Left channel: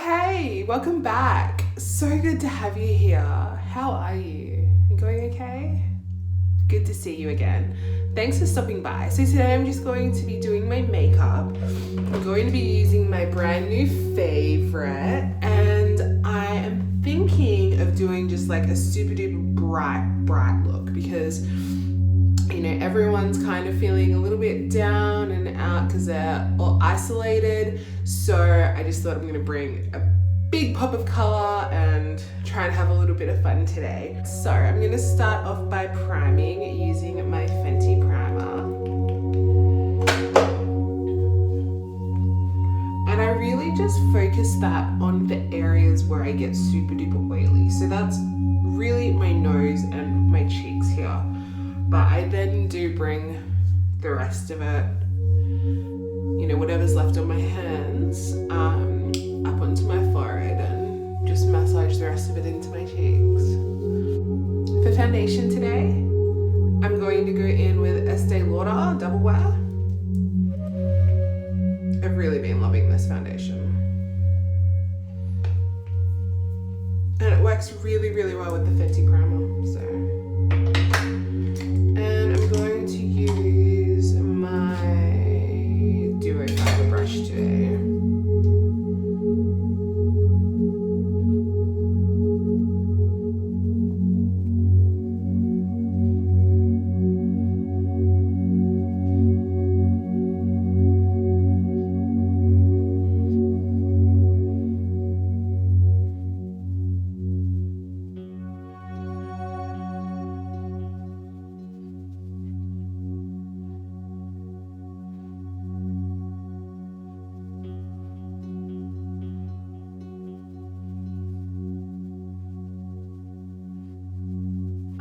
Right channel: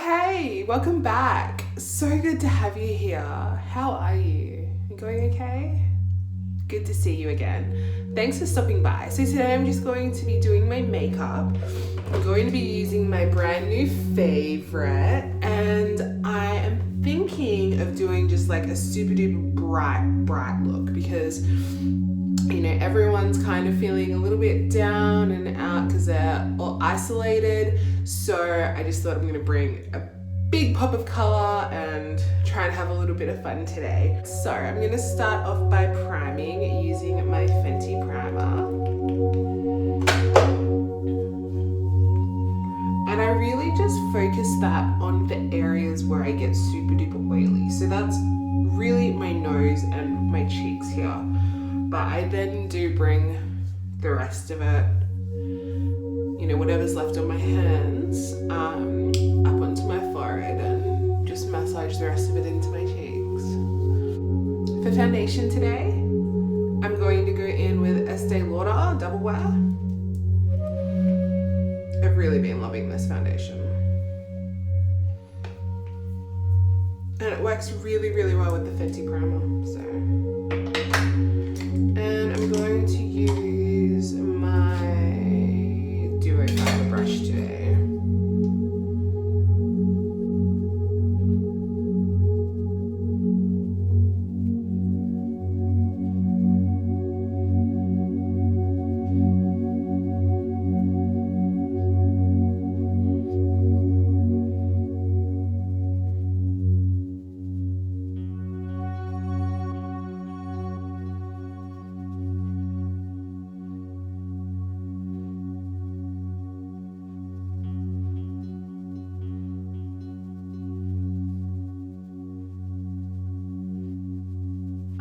hey, welcome back. So good to have you here. How are you? You going okay? Good to see you again. Thanks for stopping by. So today I'm just going to be doing my makeup. I'm going to be using my brand new favorite, and I am thinking of doing just like a super duper bright look because you know, everyone's kind of feeling a little bit down and out because they're all isolated. So I just thought I'm gonna bring a big pop of color and try and have a little bit of fun today. So I'm gonna start off by priming using my Fenty primer. And I really just focus that on the areas where I get super duper oily. So that's really my nose and my cheeks here. But I then do bring the rest of it, you know, whatever's left on my hands, up onto my forehead and just massage the rest of it into my cheeks. For foundation today, I'm going to go in with Estee Lauder Double Wear. I've really been loving this foundation. And it works really, really well with the Fenty primer, so. And I'm going to use my Duo Fiber brush today.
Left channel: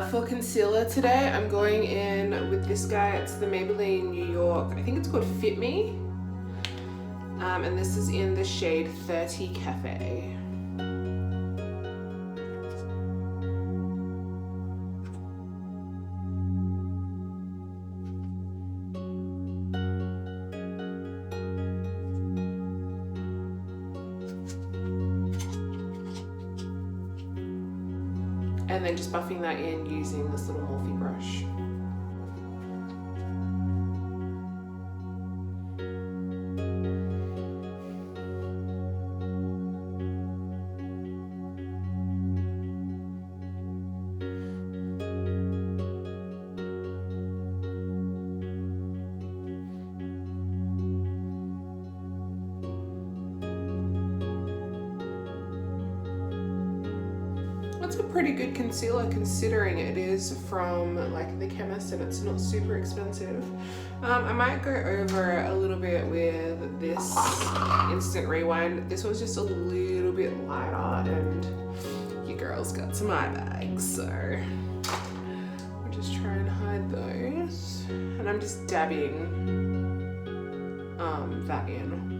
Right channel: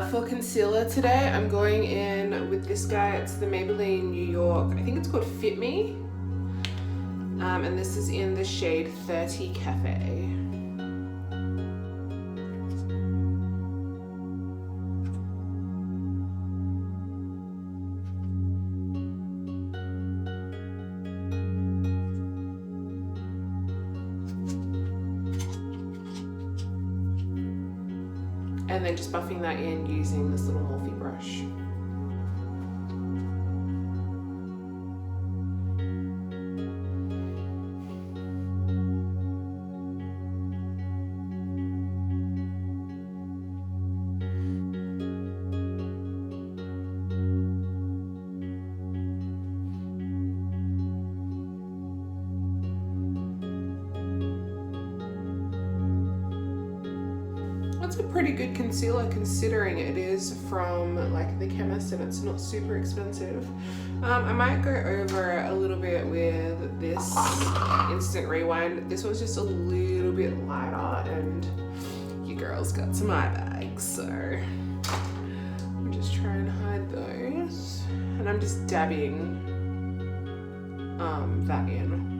For concealer today, I'm going in with this guy. It's the Maybelline New York. I think it's called Fit Me. And this is in the shade 30 Cafe. And then just buffing that in using this little Morphe brush. That's a pretty good concealer considering it is from like the chemist and it's not super expensive. I might go over a little bit with this Instant Rewind. This one's just a little bit lighter and you girls got some eye bags, so I'll just try and hide those. And I'm just dabbing that in.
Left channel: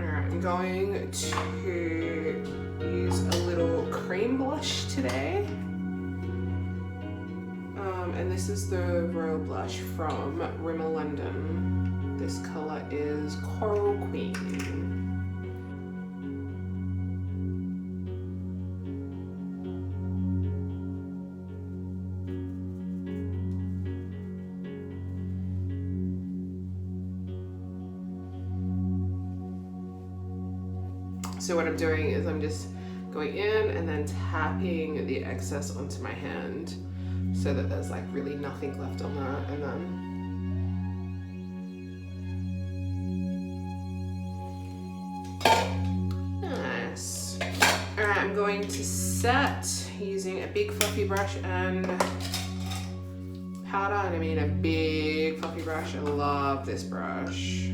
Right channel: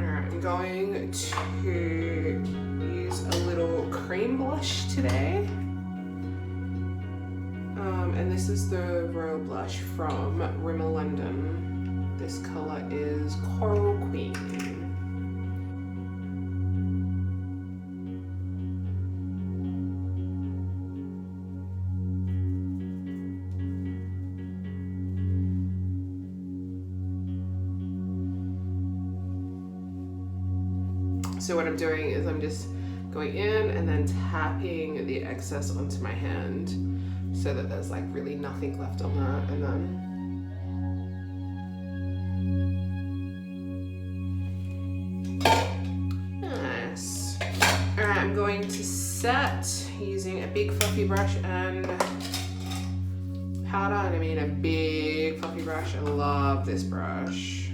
I'm going to use a little cream blush today. And this is the Royal Blush from Rimmel London. This color is Coral Queen. So what I'm doing is I'm just going in and then tapping the excess onto my hand so that there's like really nothing left on that, and then nice. All right, I'm going to set using a big fluffy brush and powder, and I mean a big fluffy brush. I love this brush.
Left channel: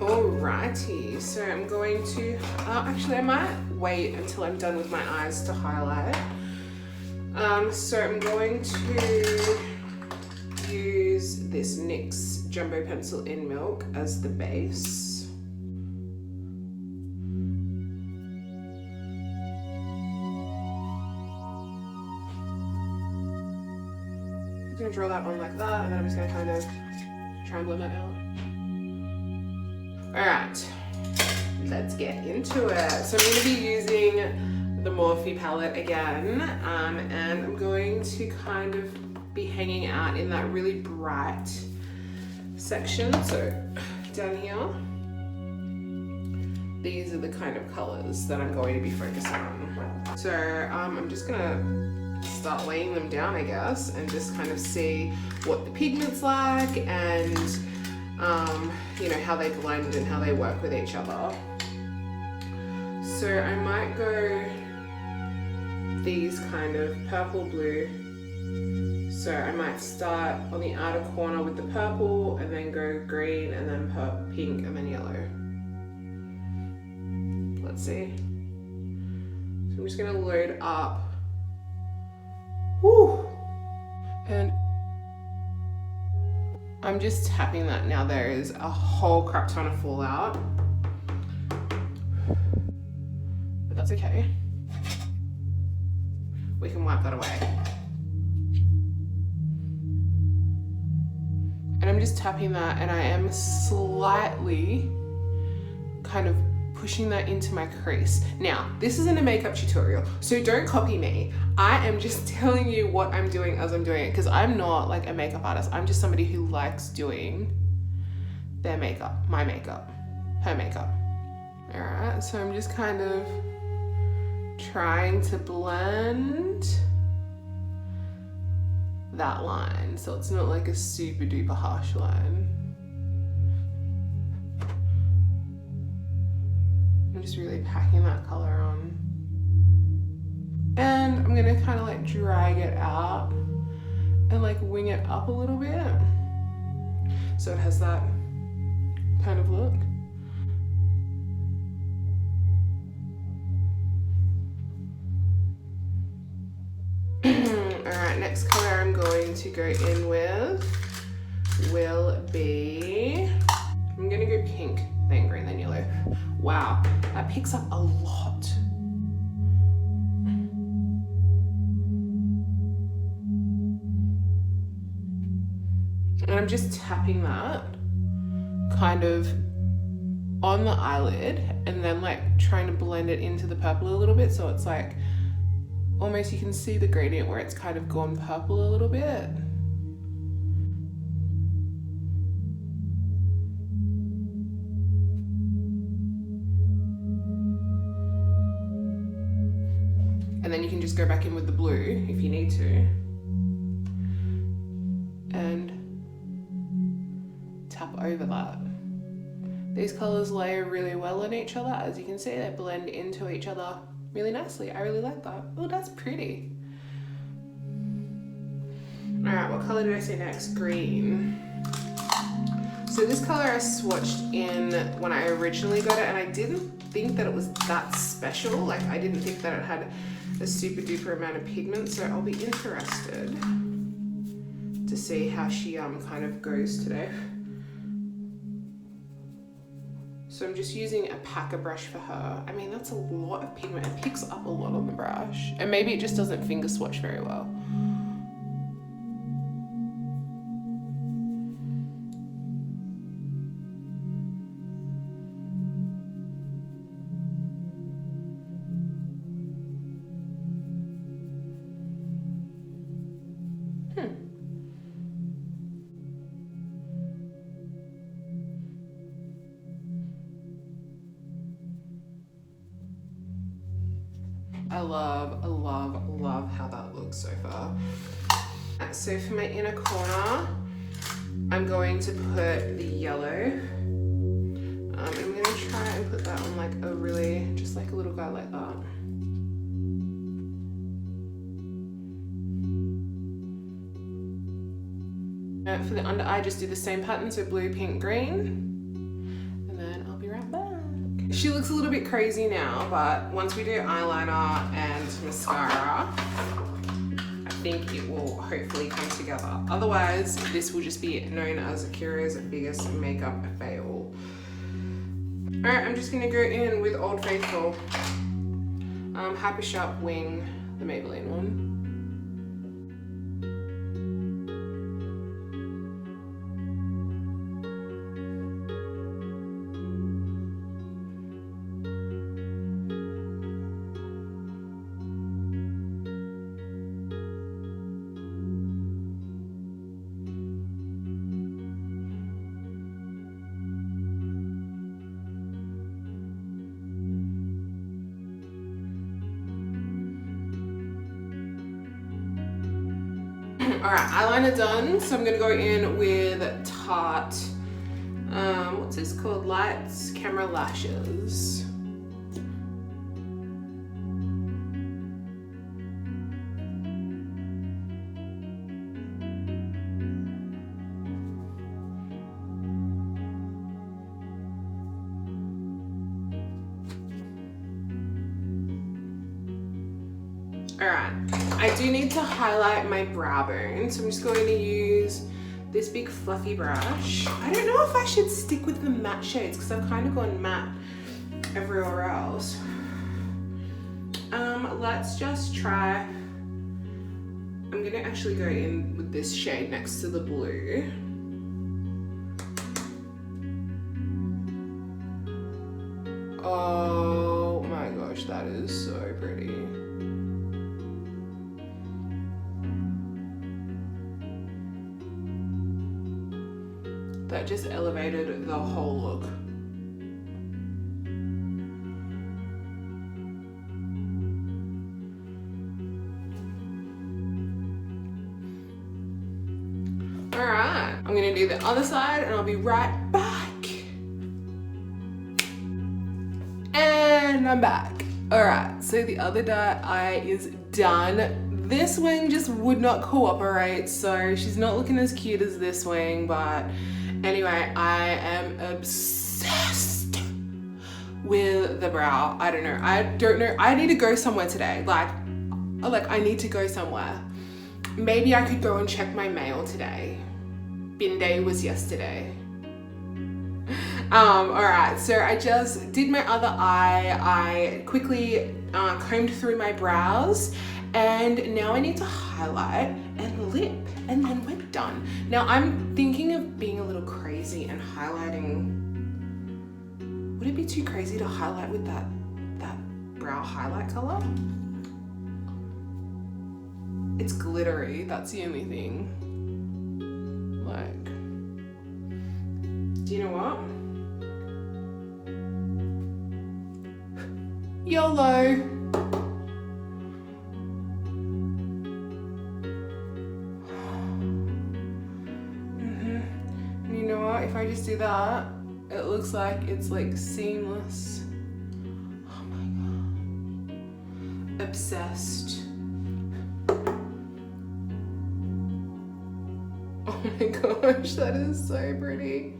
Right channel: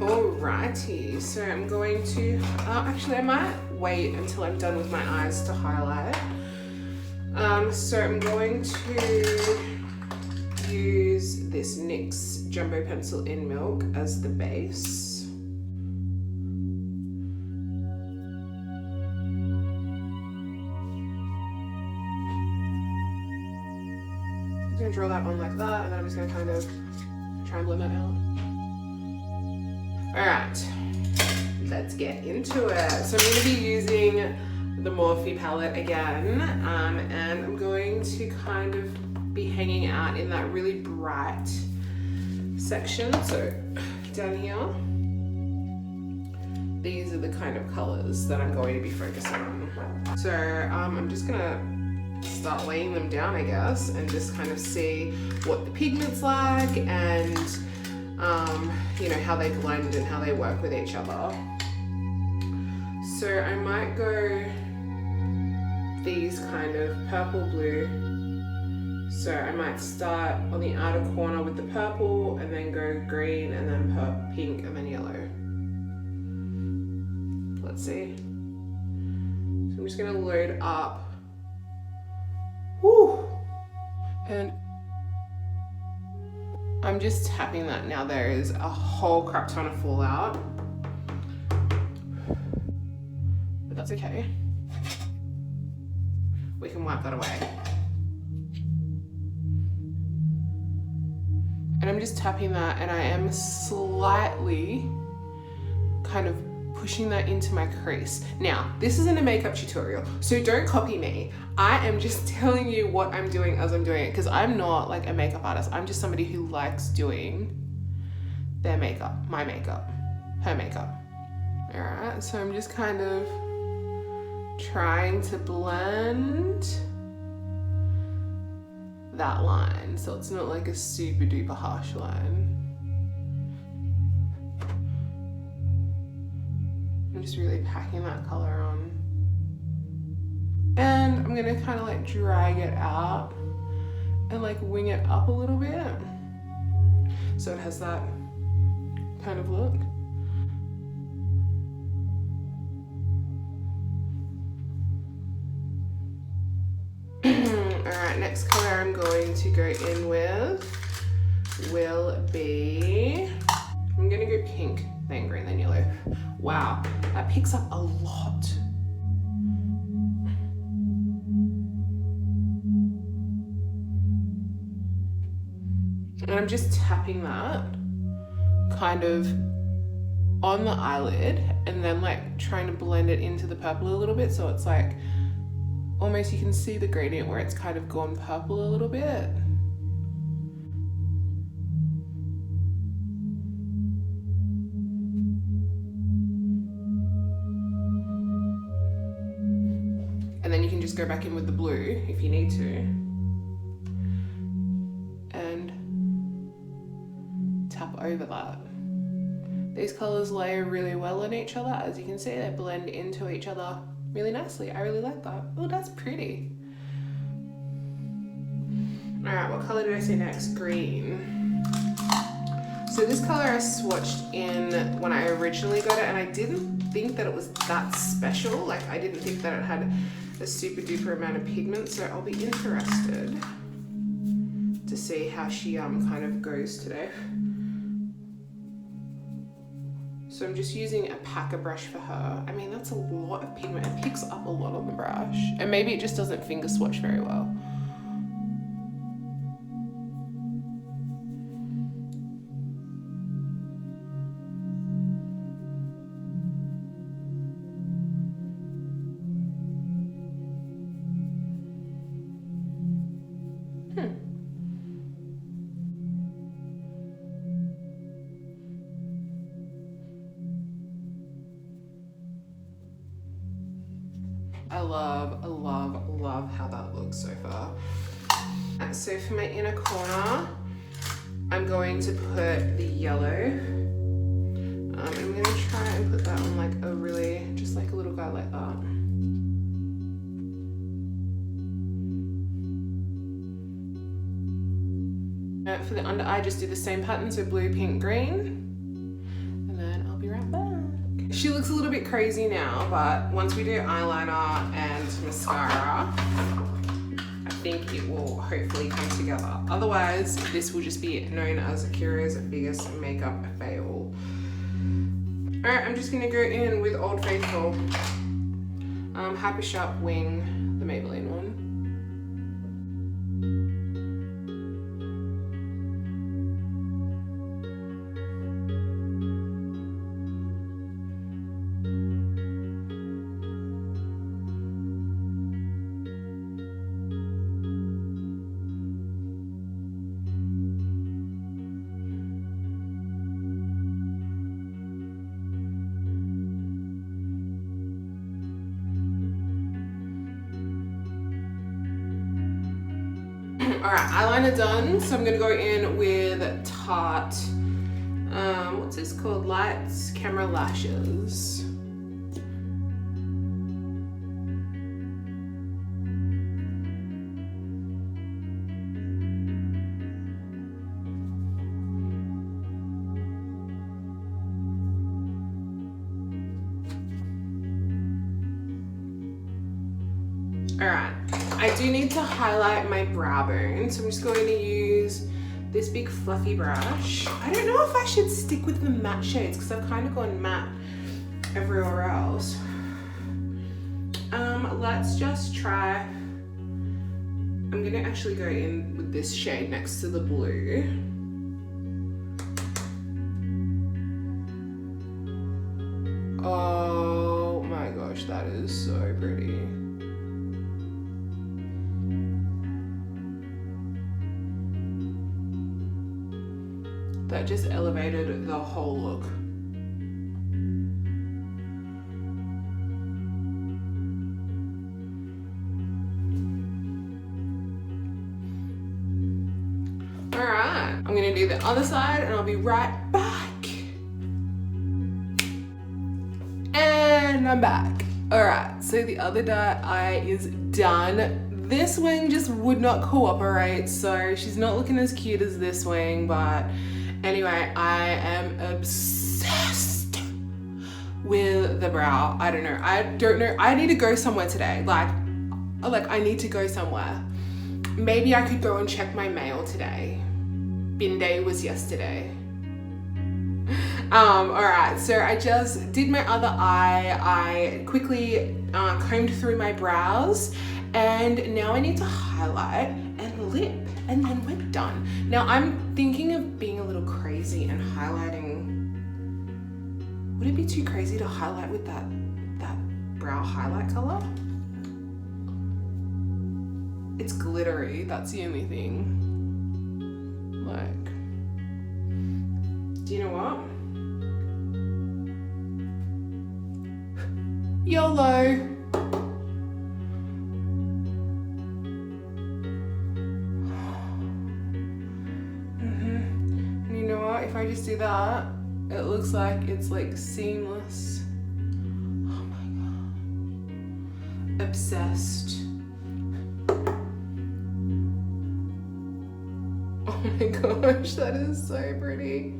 Alrighty, so I'm going to, actually I might wait until I'm done with my eyes to highlight. So I'm going to use this NYX Jumbo Pencil in Milk as the base. I'm going to draw that on like that, and then I'm just going to kind of try and blend that out. Alright, let's get into it. So I'm going to be using the Morphe palette again, and I'm going to kind of be hanging out in that really bright section. So down here, these are the kind of colors that I'm going to be focusing on. So I'm just gonna start laying them down, I guess, and just kind of see what the pigment's like, and you know, how they blend and how they work with each other. So I might go these kind of purple blue. So I might start on the outer corner with the purple, and then go green, and then pink, and then yellow. Let's see. So I'm just gonna load up. Woo! And I'm just tapping that now. There is a whole crap ton of fallout, but that's okay. We can wipe that away. And I'm just tapping that, and I am slightly kind of pushing that into my crease. Now, this isn't a makeup tutorial, so don't copy me. I am just telling you what I'm doing as I'm doing it, because I'm not like a makeup artist. I'm just somebody who likes doing their makeup, my makeup, her makeup. All right, so I'm just kind of trying to blend that line so it's not like a super duper harsh line. I'm just really packing that color on. And I'm gonna kind of like drag it out and like wing it up a little bit so it has that kind of look. Alright, next color I'm going to go in with will be, I'm gonna go pink, then green, then yellow. Wow, that picks up a lot. And I'm just tapping that kind of on the eyelid, and then like trying to blend it into the purple a little bit, so it's like almost you can see the gradient where it's kind of gone purple a little bit. And then you can just go back in with the blue if you need to. And tap over that. These colors layer really well on each other. As you can see, they blend into each other really nicely. I really like that. Oh, that's pretty. All right, what color did I say next? Green. So this color I swatched in when I originally got it, and I didn't think that it was that special. Like, I didn't think that it had a super duper amount of pigment, so I'll be interested to see how she kind of goes today. So I'm just using a packer brush for her. I mean, that's a lot of pigment. It picks up a lot on the brush. And maybe it just doesn't finger swatch very well. I love how that looks so far. So for my inner corner, I'm going to put the yellow. I'm gonna try and put that on like a really, just like a little guy like that. For the under eye, just do the same pattern, so blue, pink, green. And then I'll be right back. She looks a little bit crazy now, but once we do eyeliner and mascara, think it will hopefully come together. Otherwise, this will just be known as Akira's biggest makeup fail. All right, I'm just gonna go in with Old Faithful. Hyper Sharp Wing, the Maybelline one. Alright, eyeliner done, so I'm gonna go in with Tarte, what's this called? Lights Camera Lashes. Alright, I do need to highlight my brow bone, so I'm just going to use this big fluffy brush. I don't know if I should stick with the matte shades because I've kind of gone matte everywhere else. Let's just try. I'm gonna actually go in with this shade next to the blue. Oh my gosh, that is so pretty. That just elevated the whole look. All right, I'm gonna do the other side and I'll be right back. And I'm back. All right, so the other eye is done. This wing just would not cooperate, so she's not looking as cute as this wing, but anyway, I am obsessed with the brow. I don't know. I need to go somewhere today. Like I need to go somewhere. Maybe I could go and check my mail today. Bin day was yesterday. All right, so I just did my other eye. I quickly combed through my brows, and now I need to highlight and lip, and then we're done. Now I'm thinking of being a little crazy and highlighting. Would it be too crazy to highlight with that brow highlight color? It's glittery, that's the only thing. Like, do you know what? YOLO. And you know what? If I just do that, it looks like it's like seamless. Oh my god. Obsessed. Oh my gosh, that is so pretty.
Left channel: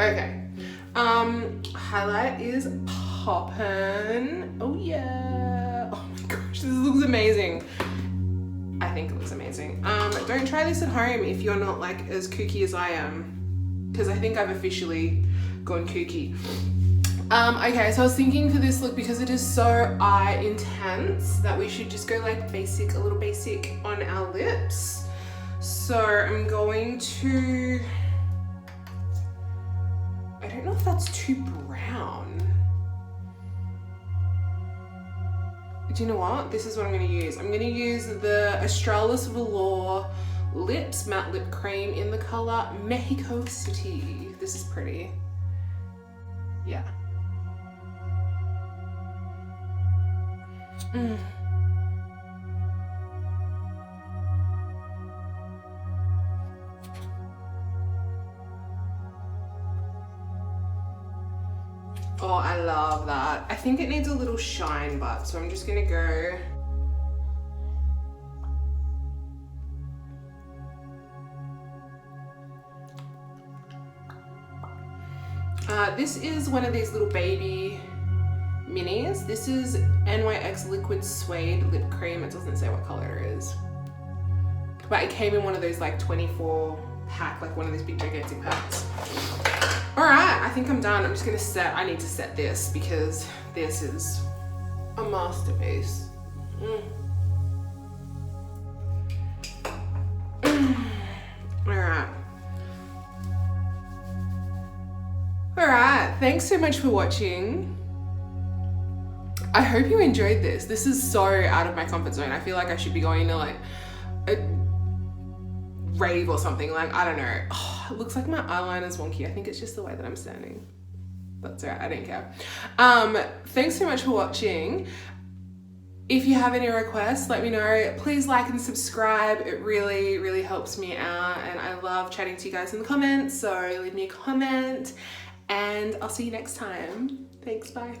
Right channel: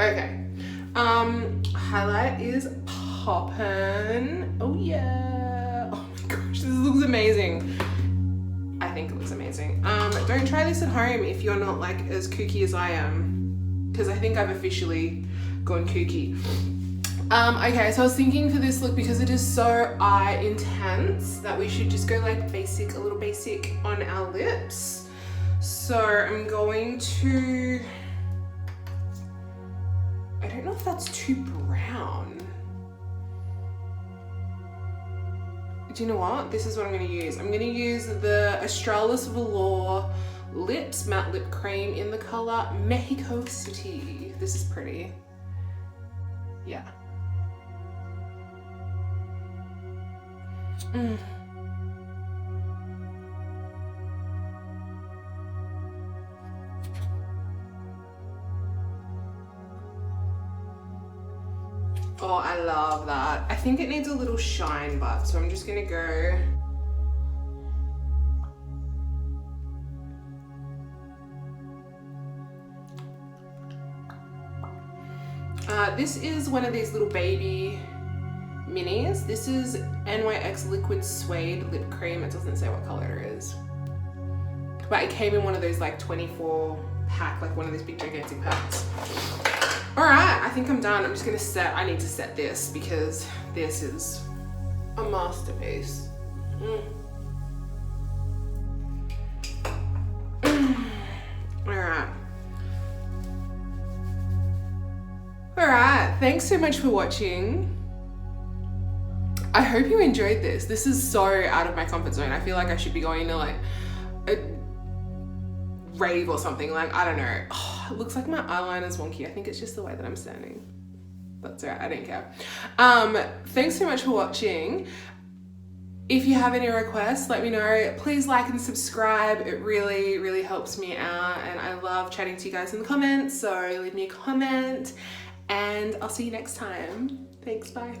Okay, highlight is poppin'. Oh yeah. Oh my gosh, this looks amazing. I think it looks amazing. Don't try this at home if you're not like as kooky as I am, because I think I've officially gone kooky. Okay, so I was thinking for this look, because it is so eye intense, that we should just go like basic, a little basic on our lips. So I'm going to, I don't know if that's too brown. Do you know what? This is what I'm going to use. I'm going to use the Australis Velour Lips Matte Lip Cream in the color Mexico City. This is pretty. Yeah. Oh, I love that. I think it needs a little shine, but so I'm just gonna go. This is one of these little baby minis. This is NYX Liquid Suede Lip Cream. It doesn't say what color it is. But it came in one of those like 24 pack, like one of these big gigantic packs. All right, I think I'm done. I'm just gonna set, I need to set this because this is a masterpiece. All right, thanks so much for watching. I hope you enjoyed this. This is so out of my comfort zone. I feel like I should be going to like a rave or something. Like, I don't know. Oh, it looks like my eyeliner's wonky. I think it's just the way that I'm standing. That's all right, I don't care. Thanks so much for watching. If you have any requests, let me know. Please like and subscribe. It really, really helps me out. And I love chatting to you guys in the comments. So leave me a comment and I'll see you next time. Thanks, bye.